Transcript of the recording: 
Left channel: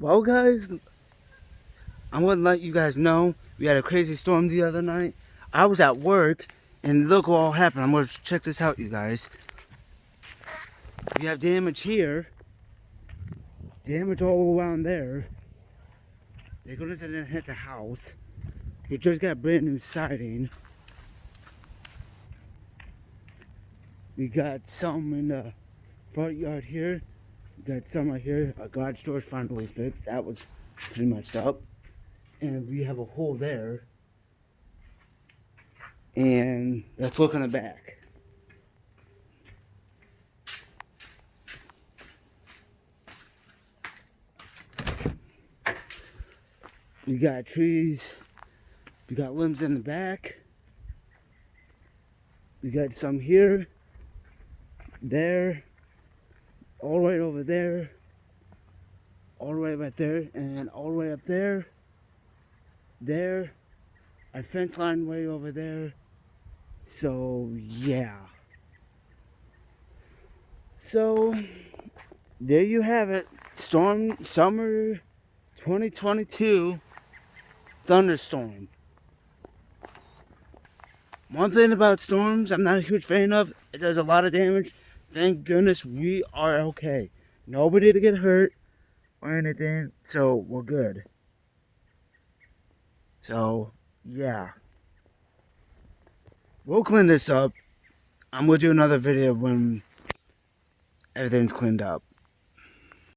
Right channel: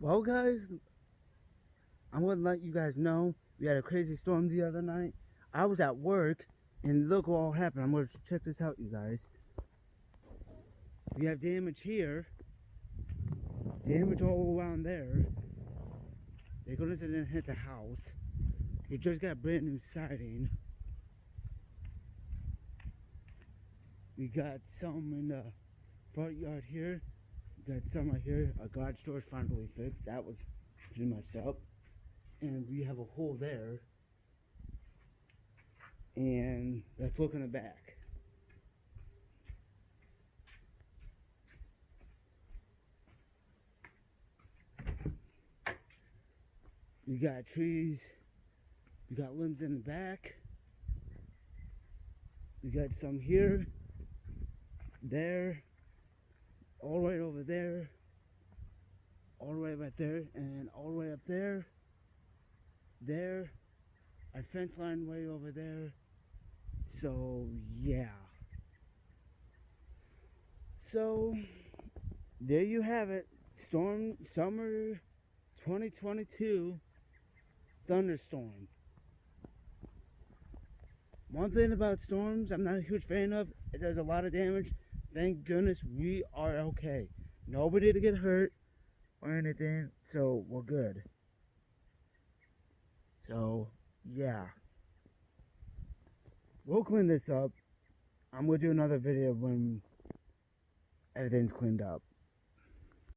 Well, guys, I'm gonna let you guys know we had a crazy storm the other night. I was at work, and look what all happened. I'm gonna check this out, you guys. We have damage here, damage all around there. They're gonna hit the house. We just got brand new siding. We got some in the front yard here. We got some right here. Our garage door's finally fixed. That was pretty messed up. And we have a hole there. And let's look in the back. We got trees. We got limbs in the back. We got some here, there, all the way over there, all the way right there, and all the way up there, there. Our fence line way over there. So yeah. So there you have it. Summer 2022 thunderstorm. One thing about storms I'm not a huge fan of, it does a lot of damage. Thank goodness we are okay. Nobody to get hurt or anything, so we're good. So, yeah. We'll clean this up. I'm going to do another video when everything's cleaned up.